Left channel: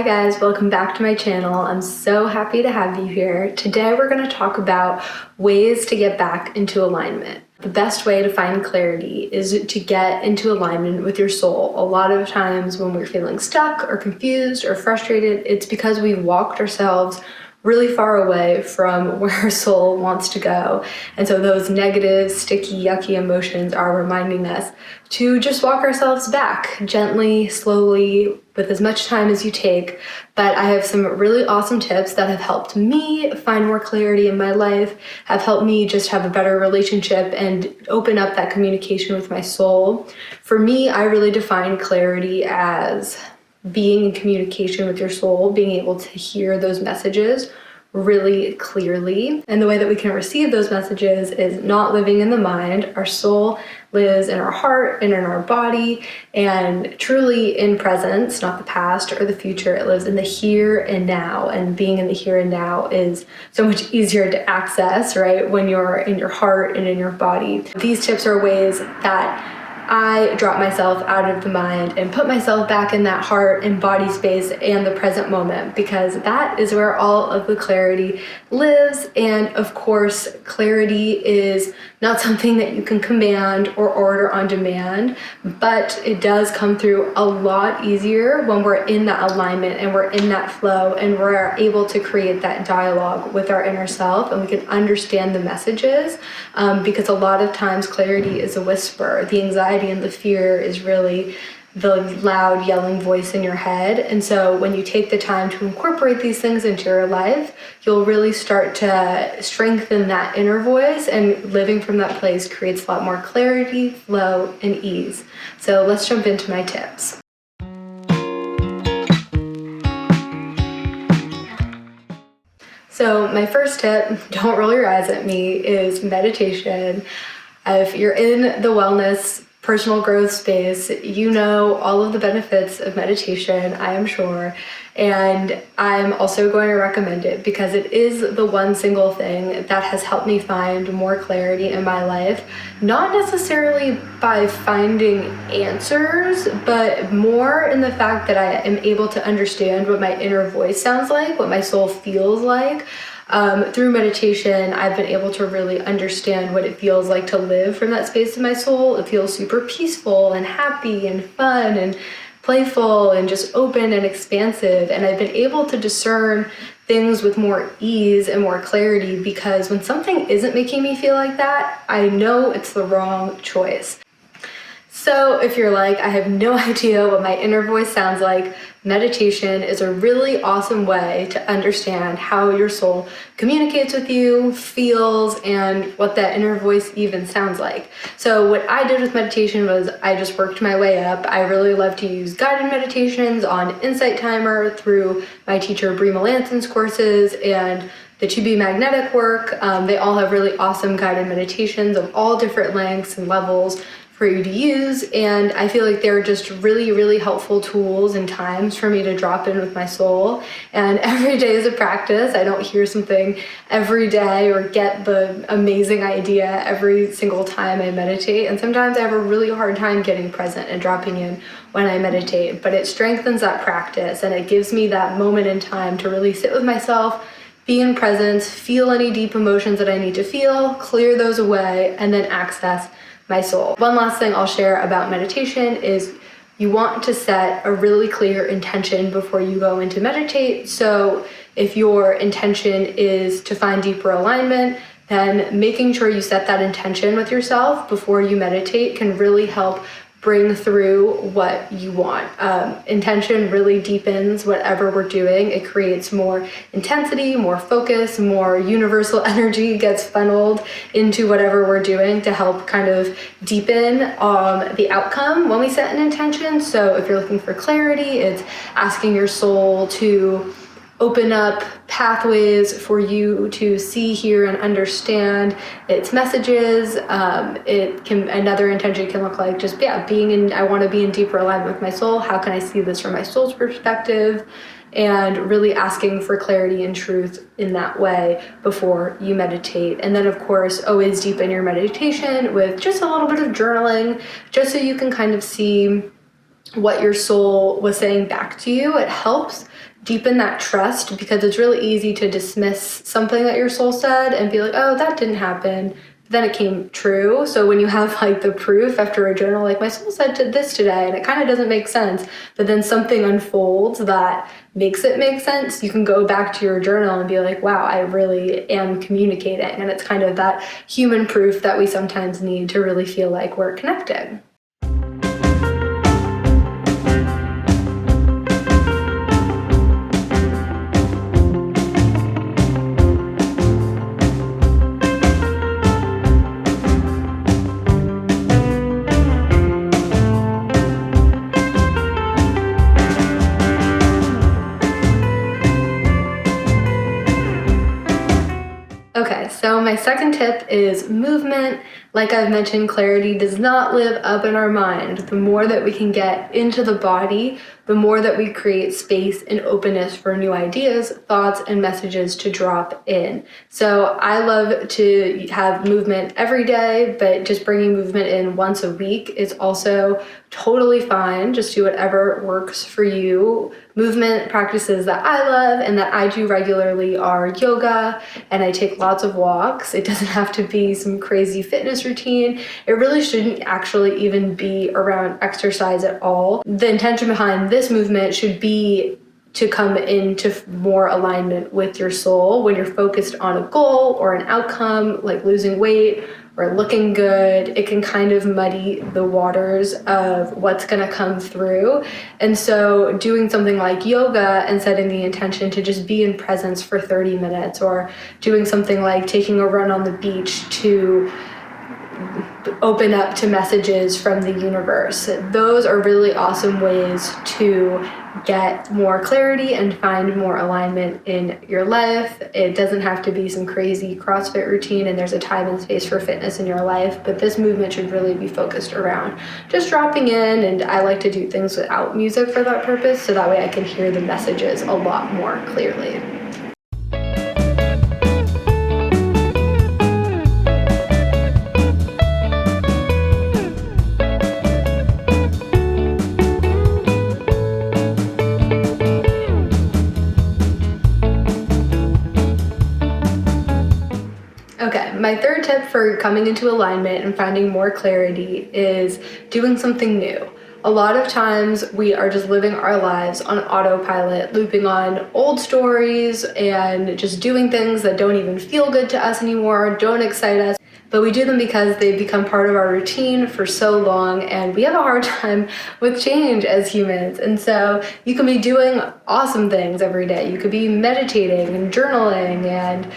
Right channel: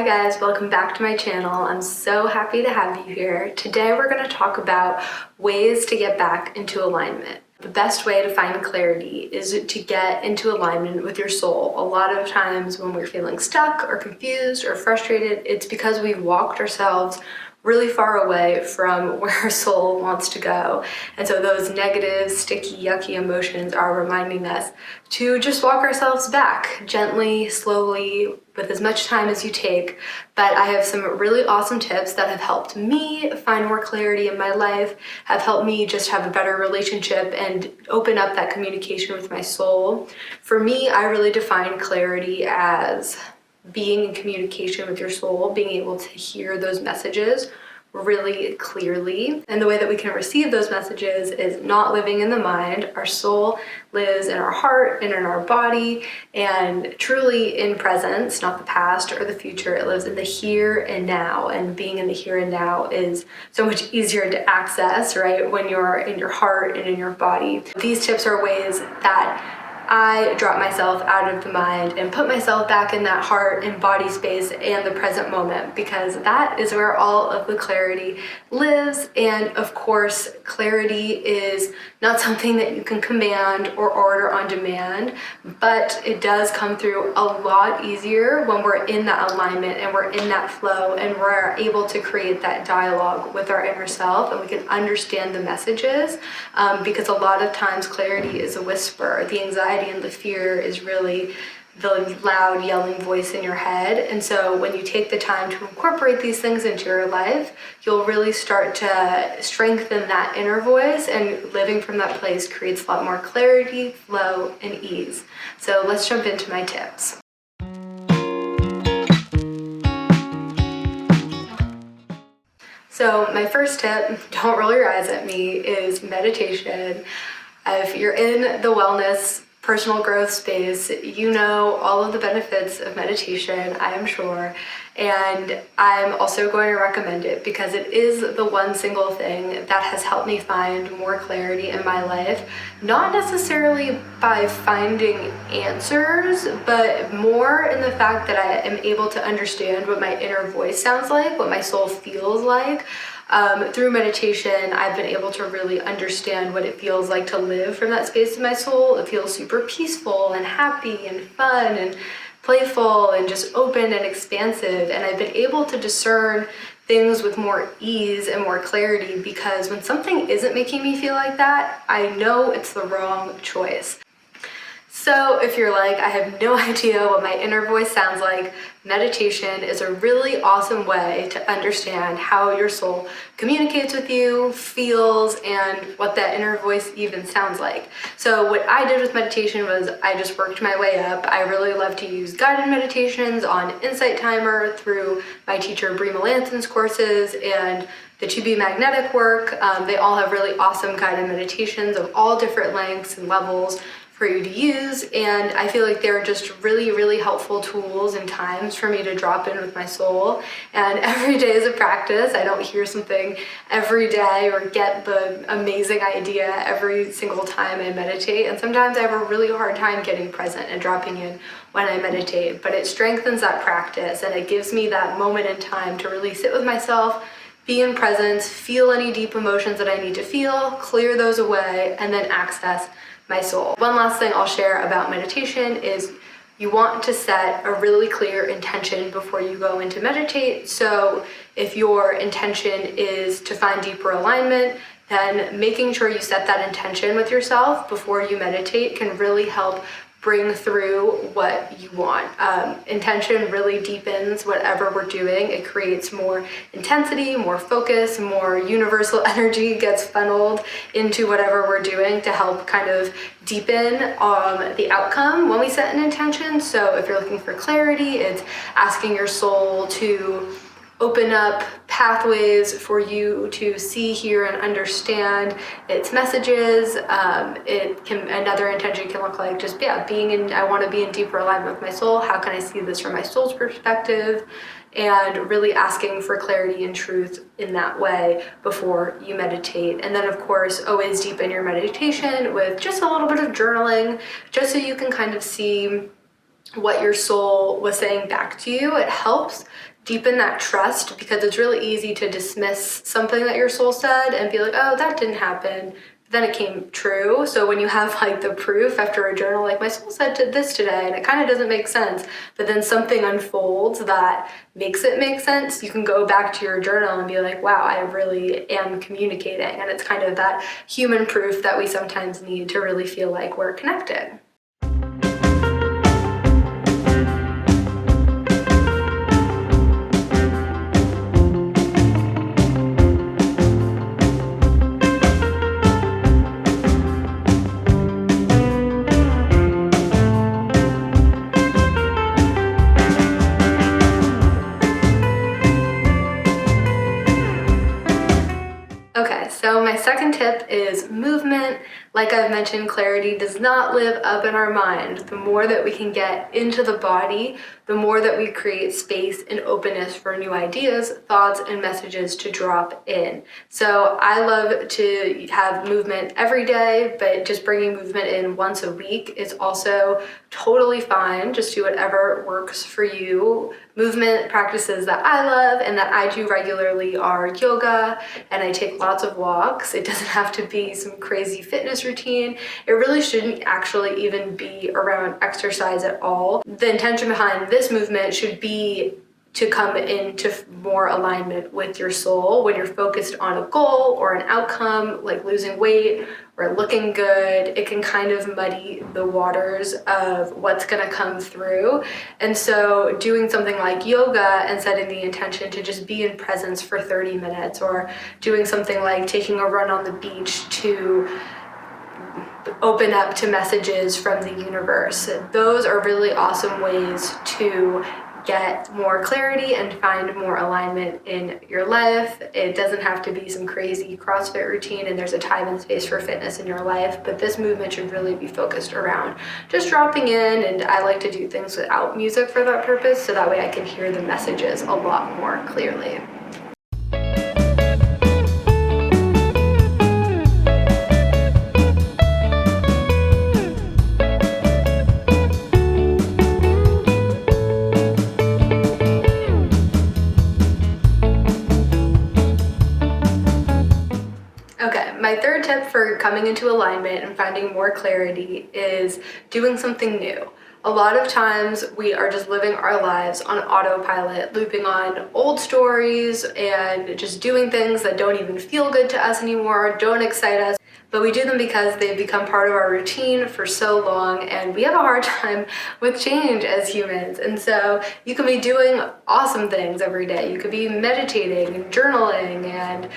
Hi guys, welcome back to my channel. I'm so happy to have you here. Today we're going to talk about ways to get back into alignment. The best way to find clarity is to get into alignment with your soul. A lot of times when we're feeling stuck or confused or frustrated, it's because we've walked ourselves really far away from where our soul wants to go. And so those negative, sticky, yucky emotions are reminding us to just walk ourselves back gently, slowly, with as much time as you take. But I have some really awesome tips that have helped me find more clarity in my life, have helped me just have a better relationship and open up that communication with my soul. For me, I really define clarity as being in communication with your soul, being able to hear those messages really clearly. And the way that we can receive those messages is not living in the mind. Our soul lives in our heart and in our body, and truly in presence, not the past or the future. It lives in the here and now, and being in the here and now is so much easier to access, right? When you're in your heart and in your body. These tips are ways that I drop myself out of the mind and put myself back in that heart and body space and the present moment, because that is where all of the clarity lives. And of course, clarity is not something that you can command or order on demand, but it does come through a lot easier when we're in that alignment and we're in that flow and we're able to create that dialogue with our inner self, and we can understand the messages, because a lot of times clarity is a whisper. The anxiety and the fear is really the loud yelling voice in your head. And so when you take the time to incorporate these things into your life, you'll really start to strengthen that inner voice, and living from that place creates a lot more clarity, flow, and ease. So let's jump into my tips. So my first tip, don't roll your eyes at me, is meditation. If you're in the wellness, personal growth space, you know all of the benefits of meditation, I am sure. And I'm also going to recommend it because it is the one single thing that has helped me find more clarity in my life. Not necessarily by finding answers, but more in the fact that I am able to understand what my inner voice sounds like, what my soul feels like. Through meditation, I've been able to really understand what it feels like to live from that space of my soul. It feels super peaceful and happy and fun and playful and just open and expansive. And I've been able to discern things with more ease and more clarity, because when something isn't making me feel like that, I know it's the wrong choice. So if you're like, I have no idea what my inner voice sounds like, meditation is a really awesome way to understand how your soul communicates with you, feels, and what that inner voice even sounds like. So what I did with meditation was I just worked my way up. I really love to use guided meditations on Insight Timer through my teacher Brie Melanson's courses and the To Be Magnetic work. They all have really awesome guided meditations of all different lengths and levels for you to use, and I feel like they're just really, really helpful tools and times for me to drop in with my soul. And every day is a practice. I don't hear something every day or get the amazing idea every single time I meditate, and sometimes I have a really hard time getting present and dropping in when I meditate, but it strengthens that practice and it gives me that moment in time to really sit with myself, be in presence, feel any deep emotions that I need to feel, clear those away, and then access my soul. One last thing I'll share about meditation is you want to set a really clear intention before you go into meditate. So if your intention is to find deeper alignment, then making sure you set that intention with yourself before you meditate can really help bring through what you want. Intention really deepens whatever we're doing. It creates more intensity, more focus, more universal energy gets funneled into whatever we're doing to help kind of deepen the outcome when we set an intention. So if you're looking for clarity, it's asking your soul to open up pathways for you to see, hear, and understand its messages. Another intention can look like just, I want to be in deeper alignment with my soul. How can I see this from my soul's perspective? And really asking for clarity and truth in that way before you meditate. And then of course, always deepen your meditation with just a little bit of journaling, just so you can kind of see what your soul was saying back to you. It helps deepen that trust, because it's really easy to dismiss something that your soul said and be like, oh, that didn't happen. Then it came true. So when you have like the proof after a journal, like my soul said this today, and it kind of doesn't make sense, but then something unfolds that makes it make sense, you can go back to your journal and be like, wow, I really am communicating. And it's kind of that human proof that we sometimes need to really feel like we're connected. Okay, so my second tip is movement. Like I've mentioned, clarity does not live up in our mind. The more that we can get into the body, the more that we create space and openness for new ideas, thoughts, and messages to drop in. So I love to have movement every day, but just bringing movement in once a week is also totally fine. Just do whatever works for you. Movement practices that I love and that I do regularly are yoga, and I take lots of walks. It doesn't have to be some crazy fitness routine. It really shouldn't actually even be around exercise at all. The intention behind this movement should be to come into more alignment with your soul. When you're focused on a goal or an outcome, like losing weight or looking good, it can kind of muddy the waters of what's gonna come through. And so doing something like yoga and setting the intention to just be in presence for 30 minutes, or doing something like taking a run on the beach to open up to messages from the universe. Those are really awesome ways to get more clarity and find more alignment in your life. It doesn't have to be some crazy CrossFit routine, and there's a time and space for fitness in your life, but this movement should really be focused around just dropping in. And I like to do things without music for that purpose, so that way I can hear the messages a lot more clearly. Okay, my third tip for coming into alignment and finding more clarity is doing something new. A lot of times we are just living our lives on autopilot, looping on old stories and just doing things that don't even feel good to us anymore, don't excite us, but we do them because they've become part of our routine for so long, and we have a hard time with change as humans. And so you can be doing awesome things every day. You could be meditating and journaling and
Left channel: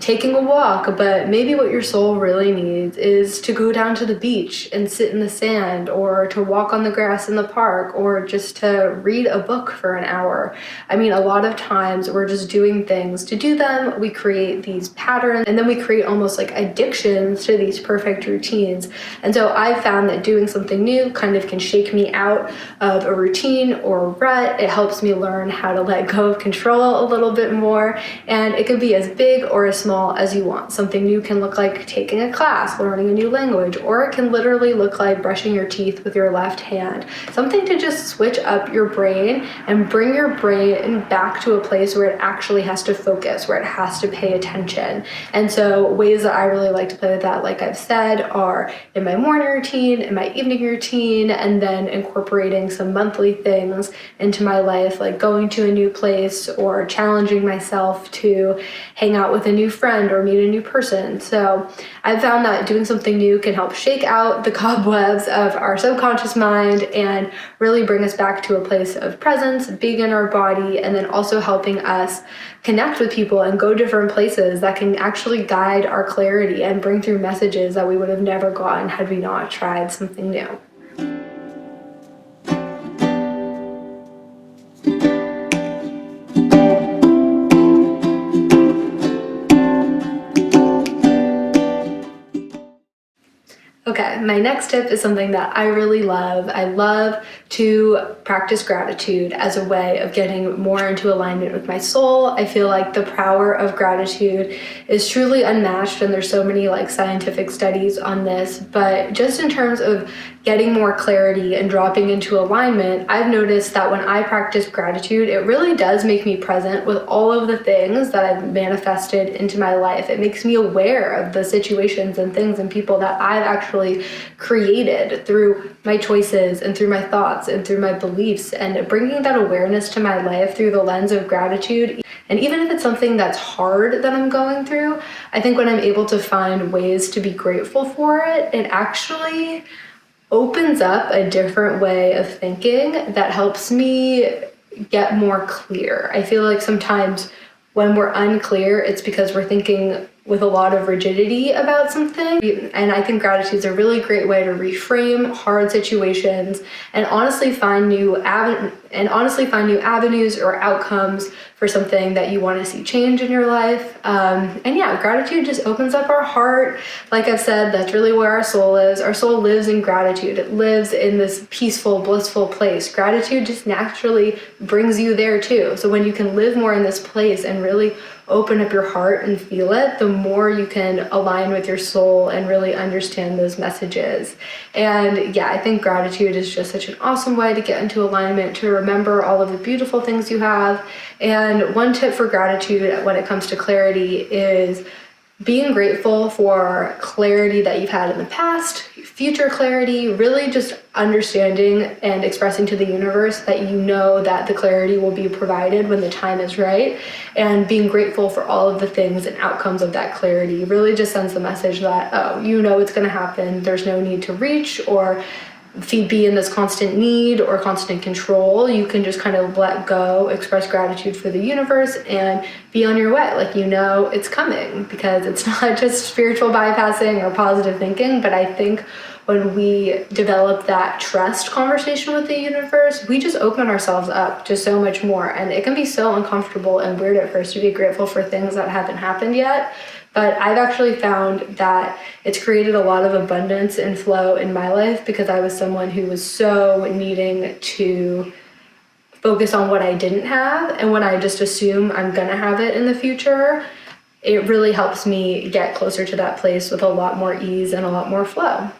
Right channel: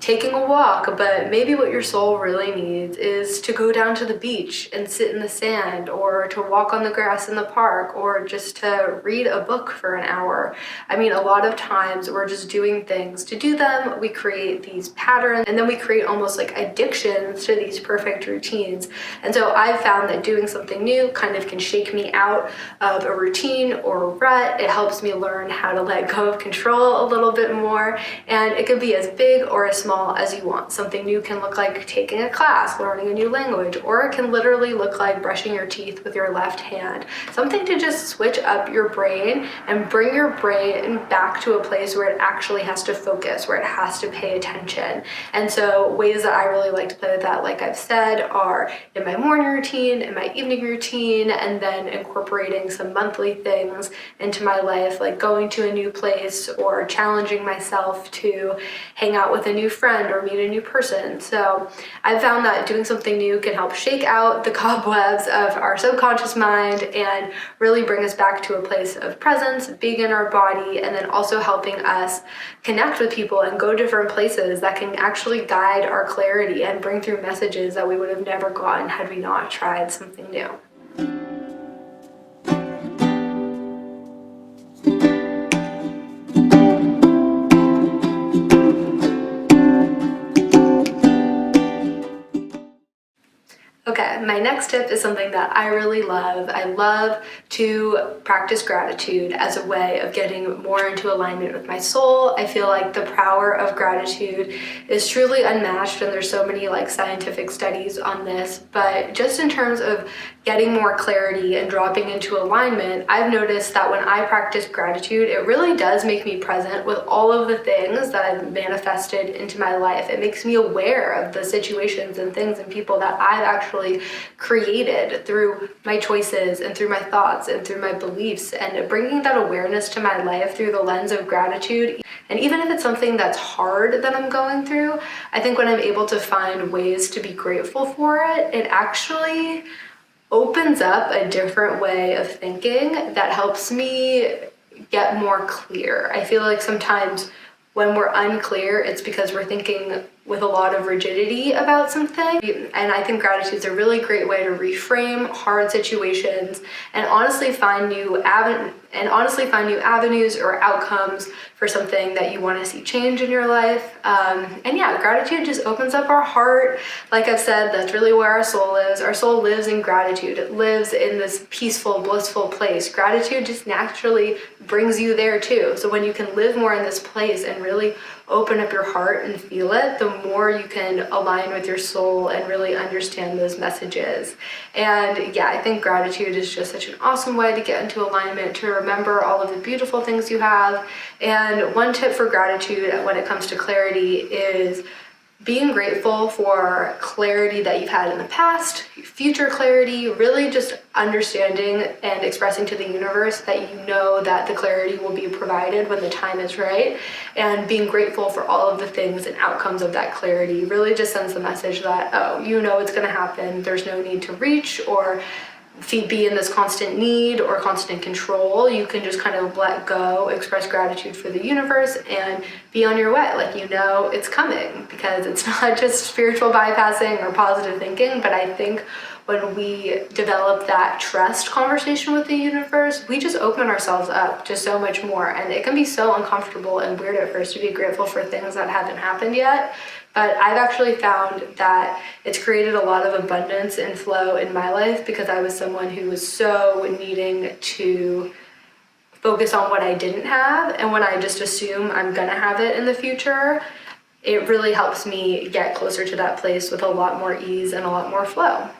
taking a walk, but maybe what your soul really needs is to go down to the beach and sit in the sand, or to walk on the grass in the park, or just to read a book for an hour. I mean, a lot of times we're just doing things to do them. We create these patterns, and then we create almost like addictions to these perfect routines. And so I've found that doing something new kind of can shake me out of a routine or a rut. It helps me learn how to let go of control a little bit more, and it could be as big or as small as you want. Something new can look like taking a class, learning a new language, or it can literally look like brushing your teeth with your left hand. Something to just switch up your brain and bring your brain back to a place where it actually has to focus, where it has to pay attention. And so ways that I really like to play with that, like I've said, are in my morning routine, in my evening routine, and then incorporating some monthly things into my life, like going to a new place or challenging myself to hang out with a new friend or meet a new person. So I've found that doing something new can help shake out the cobwebs of our subconscious mind and really bring us back to a place of presence, being in our body, and then also helping us connect with people and go different places that can actually guide our clarity and bring through messages that we would have never gotten had we not tried something new. Okay, Okay, my next tip is something that I really love. I love to practice gratitude as a way of getting more into alignment with my soul. I feel like the power of gratitude is truly unmatched, and there's so many like scientific studies on this, but just in terms of getting more clarity and dropping into alignment, I've noticed that when I practice gratitude, it really does make me present with all of the things that I've manifested into my life. It makes me aware of the situations and things and people that I've actually created through my choices and through my thoughts and through my beliefs, and bringing that awareness to my life through the lens of gratitude. And even if it's something that's hard that I'm going through, I think when I'm able to find ways to be grateful for it, it actually opens up a different way of thinking that helps me get more clear. I feel like sometimes when we're unclear, it's because we're thinking with a lot of rigidity about something. And I think gratitude is a really great way to reframe hard situations and honestly find new avenues or outcomes for something that you want to see change in your life. And yeah, gratitude just opens up our heart. Like I've said, that's really where our soul is. Our soul lives in gratitude. It lives in this peaceful, blissful place. Gratitude just naturally brings you there too. So when you can live more in this place and really open up your heart and feel it, the more you can align with your soul and really understand those messages. And yeah, I think gratitude is just such an awesome way to get into alignment, to remember all of the beautiful things you have. And one tip for gratitude when it comes to clarity is being grateful for clarity that you've had in the past, future clarity, really just understanding and expressing to the universe that you know that the clarity will be provided when the time is right, and being grateful for all of the things and outcomes of that clarity really just sends the message that, oh, you know it's going to happen. There's no need to reach or be in this constant need or constant control. You can just kind of let go, express gratitude for the universe, and be on your way. Like, you know it's coming, because it's not just spiritual bypassing or positive thinking, but I think when we develop that trust conversation with the universe, we just open ourselves up to so much more. And it can be so uncomfortable and weird at first to be grateful for things that haven't happened yet. But I've actually found that it's created a lot of abundance and flow in my life, because I was someone who was so needing to focus on what I didn't have. And when I just assume I'm gonna have it in the future, it really helps me get closer to that place with a lot more ease and a lot more flow.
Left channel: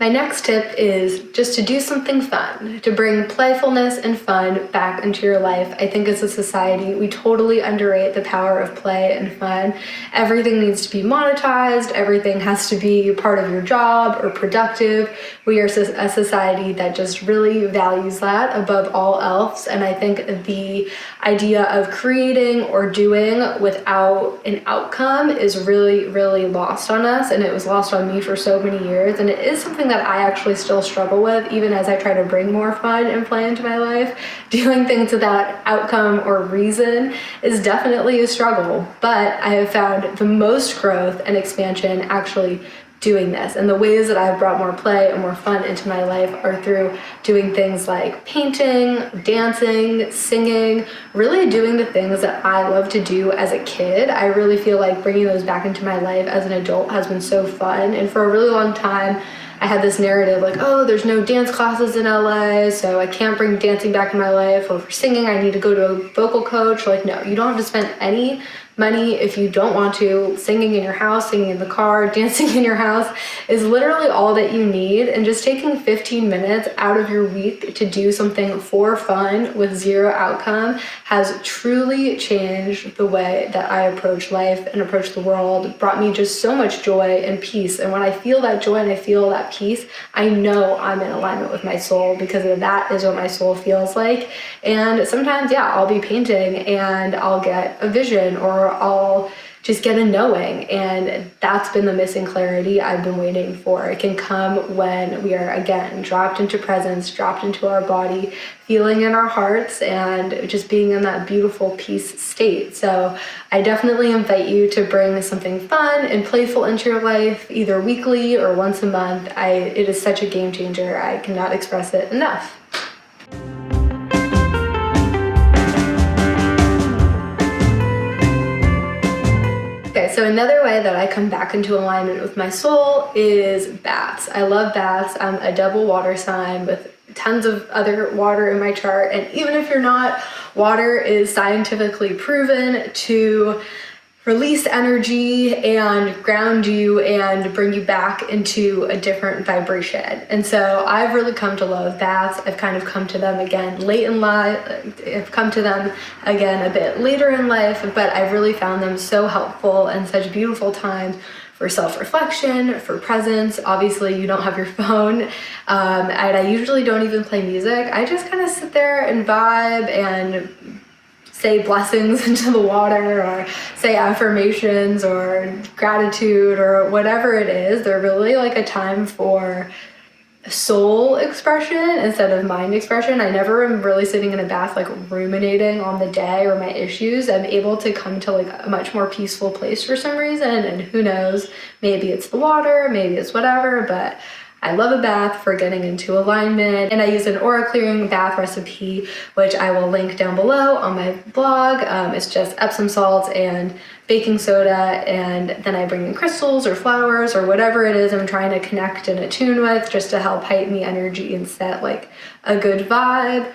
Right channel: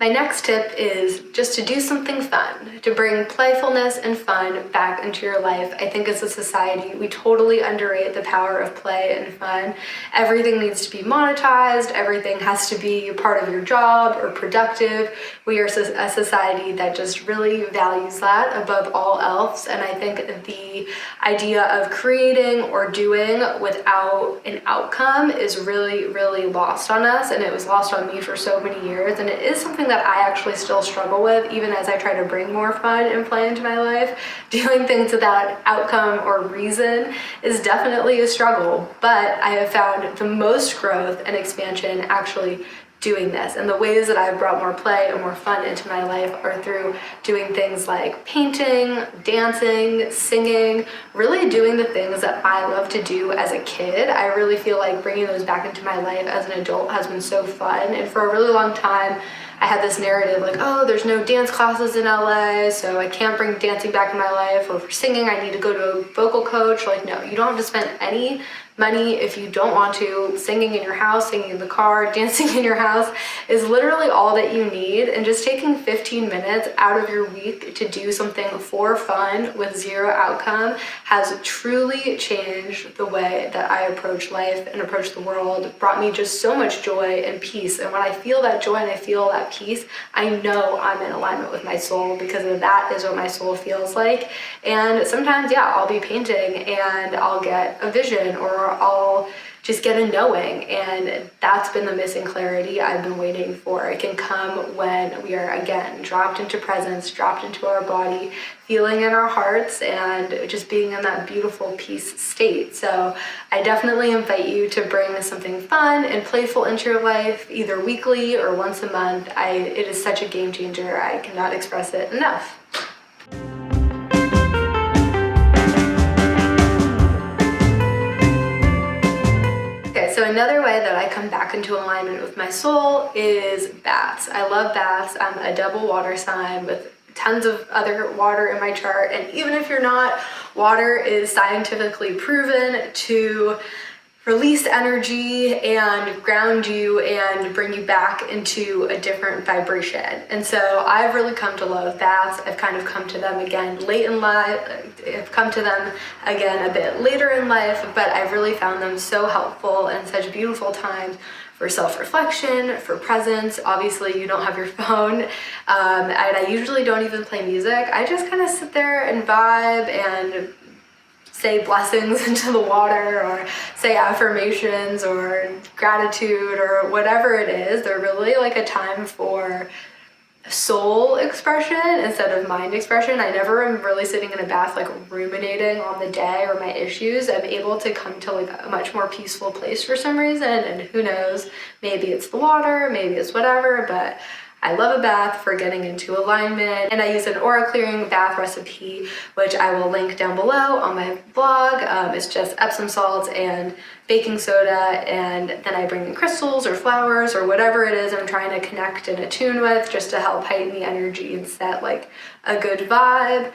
My next tip is just to do something fun, to bring playfulness and fun back into your life. I think as a society, we totally underrate the power of play and fun. Everything needs to be monetized. Everything has to be part of your job or productive. We are a society that just really values that above all else. And I think the idea of creating or doing without an outcome is really, really lost on us. And it was lost on me for so many years. And it is something that I actually still struggle with, even as I try to bring more fun and play into my life. Doing things without outcome or reason is definitely a struggle, but I have found the most growth and expansion actually doing this. And the ways that I've brought more play and more fun into my life are through doing things like painting, dancing, singing, really doing the things that I love to do as a kid. I really feel like bringing those back into my life as an adult has been so fun. And for a really long time, I had this narrative like, oh, there's no dance classes in LA, so I can't bring dancing back in my life. Or for singing, I need to go to a vocal coach. Like, no, you don't have to spend any money if you don't want to. Singing in your house, singing in the car, dancing in your house is literally all that you need. And just taking 15 minutes out of your week to do something for fun with zero outcome has truly changed the way that I approach life and approach the world. It brought me just so much joy and peace. And when I feel that joy and I feel that peace, I know I'm in alignment with my soul, because that is what my soul feels like. And sometimes, yeah, I'll be painting and I'll get a vision, or I'll just get a knowing, and that's been the missing clarity I've been waiting for. It can come when we are, again, dropped into presence, dropped into our body, feeling in our hearts, and just being in that beautiful peace state. So I definitely invite you to bring something fun and playful into your life, either weekly or once a month. It is such a game changer. I cannot express it enough. another way that I come back into alignment with my soul is baths. I love baths. I'm a double water sign with tons of other water in my chart. And even if you're not, water is scientifically proven to release energy and ground you and bring you back into a different vibration. And so I've really come to love baths. I've kind of come to them again late in life. I've come to them again a bit later in life, but I've really found them so helpful and such beautiful times for self-reflection, for presence. Obviously you don't have your phone, and I usually don't even play music. I just kind of sit there and vibe and say blessings into the water, or say affirmations or gratitude or whatever it is. They're really like a time for soul expression instead of mind expression. I never am really sitting in a bath like ruminating on the day or my issues. I'm able to come to like a much more peaceful place for some reason, and who knows, maybe it's the water, maybe it's whatever, but I love a bath for getting into alignment. And I use an aura clearing bath recipe, which I will link down below on my blog. It's just Epsom salts and baking soda, and then I bring in crystals or flowers or whatever it is I'm trying to connect and attune with, just to help heighten the energy and set like a good vibe.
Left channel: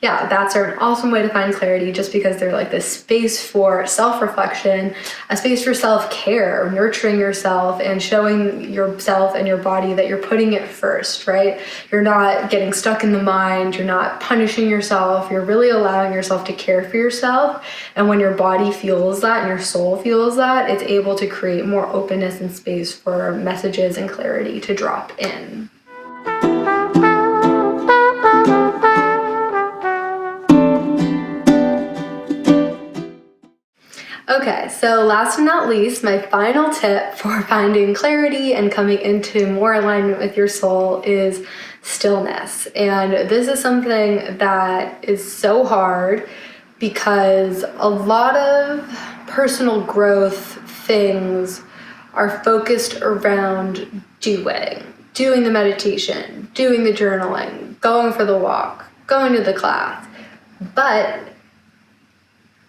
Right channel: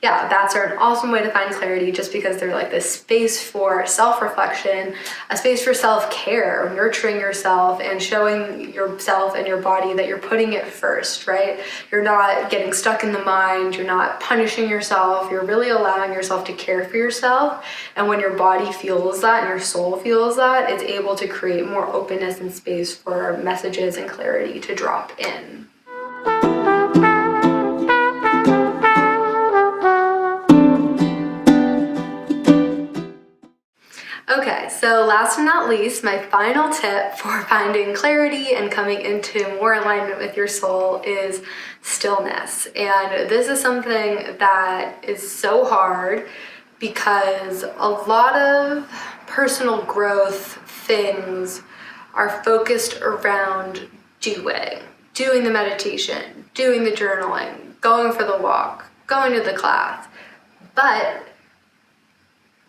Yeah, baths are an awesome way to find clarity, just because they're like this space for self-reflection, a space for self-care, nurturing yourself and showing yourself and your body that you're putting it first, right? You're not getting stuck in the mind, you're not punishing yourself, you're really allowing yourself to care for yourself. And when your body feels that and your soul feels that, it's able to create more openness and space for messages and clarity to drop in. Okay, so last but not least, my final tip for finding clarity and coming into more alignment with your soul is stillness. And this is something that is so hard because a lot of personal growth things are focused around doing the meditation, doing the journaling, going for the walk, going to the class. But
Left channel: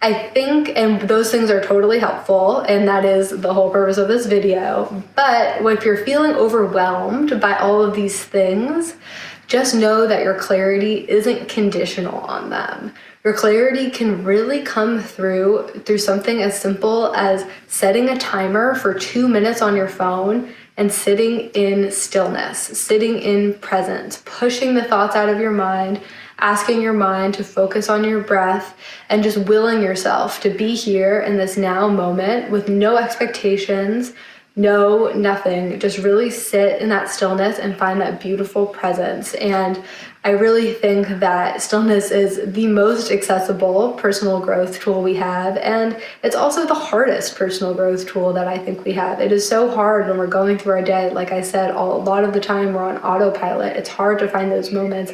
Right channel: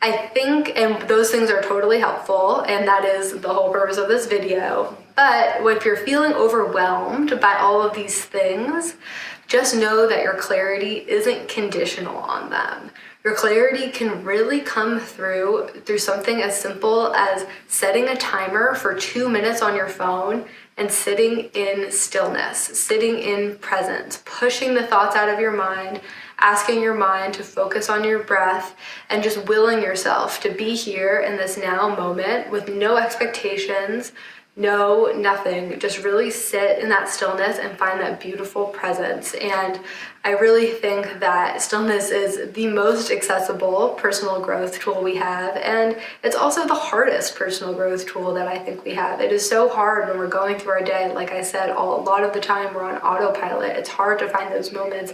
I think, and those things are totally helpful, and that is the whole purpose of this video, but if you're feeling overwhelmed by all of these things, just know that your clarity isn't conditional on them. Your clarity can really come through something as simple as setting a timer for 2 minutes on your phone and sitting in stillness, sitting in presence, pushing the thoughts out of your mind, asking your mind to focus on your breath, and just willing yourself to be here in this now moment with no expectations, no nothing. Just really sit in that stillness and find that beautiful presence. And I really think that stillness is the most accessible personal growth tool we have, and it's also the hardest personal growth tool that I think we have. It is so hard when we're going through our day. Like I said, a lot of the time we're on autopilot. It's hard to find those moments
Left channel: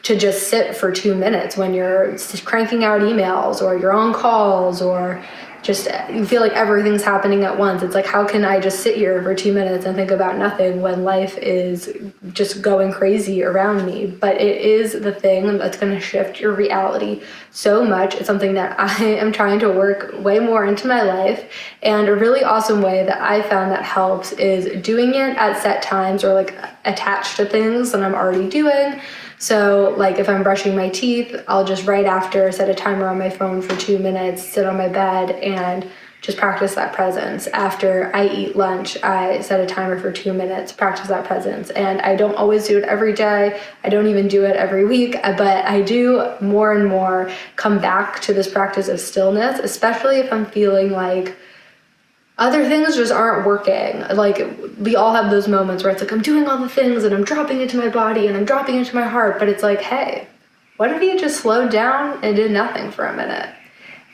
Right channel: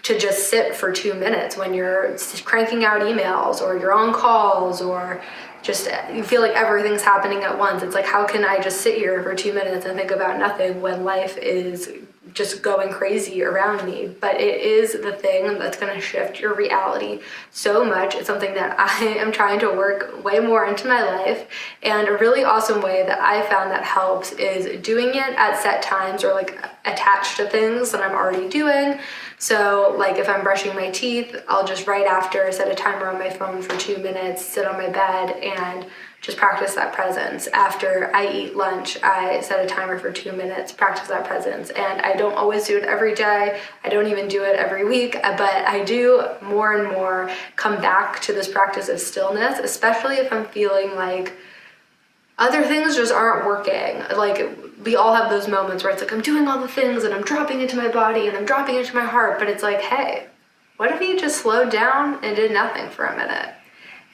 to just sit for 2 minutes when you're cranking out emails or you're on calls, or just you feel like everything's happening at once. It's like, how can I just sit here for 2 minutes and think about nothing when life is just going crazy around me? But it is the thing that's going to shift your reality so much. It's something that I am trying to work way more into my life. And a really awesome way that I found that helps is doing it at set times, or like attached to things that I'm already doing. So like if I'm brushing my teeth, I'll just right after set a timer on my phone for 2 minutes, sit on my bed and just practice that presence. After I eat lunch, I set a timer for 2 minutes, practice that presence. And I don't always do it every day. I don't even do it every week, but I do more and more come back to this practice of stillness, especially if I'm feeling like other things just aren't working. Like we all have those moments where it's like, I'm doing all the things and I'm dropping into my body and I'm dropping into my heart, but it's like, hey, what if you just slowed down and did nothing for a minute?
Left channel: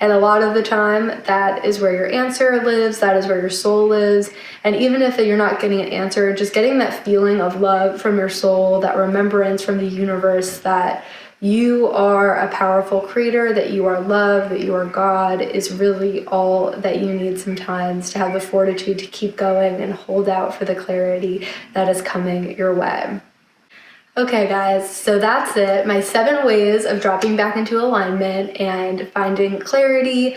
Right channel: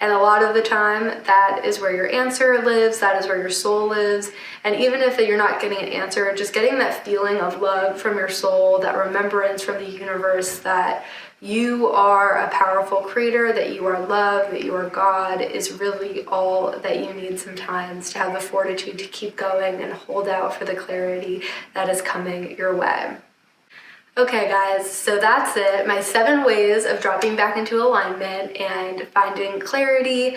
And a lot of the time, that is where your answer lives, that is where your soul lives. And even if you're not getting an answer, just getting that feeling of love from your soul, that remembrance from the universe that you are a powerful creator, that you are love, that you are God, is really all that you need sometimes to have the fortitude to keep going and hold out for the clarity that is coming your way. Okay guys, so that's it. My 7 ways of dropping back into alignment and finding clarity.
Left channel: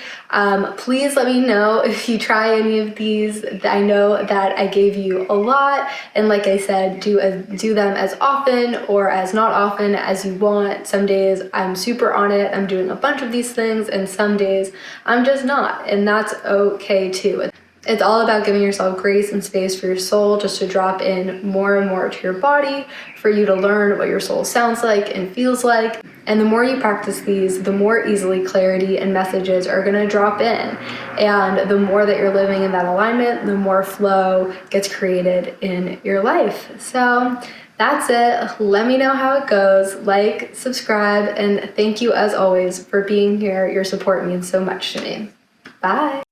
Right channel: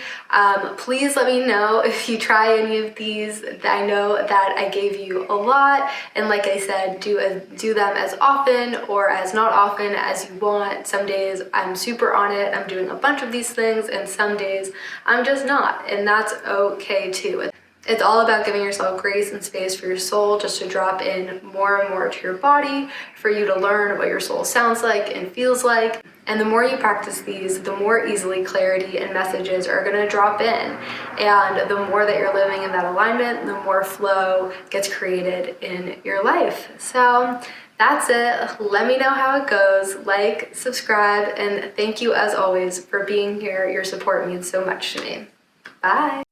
Please let me know if you try any of these. I know that I gave you a lot, and like I said, do them as often or as not often as you want. Some days I'm super on it, I'm doing a bunch of these things, and some days I'm just not, and that's okay too. It's all about giving yourself grace and space for your soul just to drop in more and more to your body, for you to learn what your soul sounds like and feels like. And the more you practice these, the more easily clarity and messages are gonna drop in. And the more that you're living in that alignment, the more flow gets created in your life. So that's it. Let me know how it goes. Like, subscribe, and thank you as always for being here. Your support means so much to me. Bye.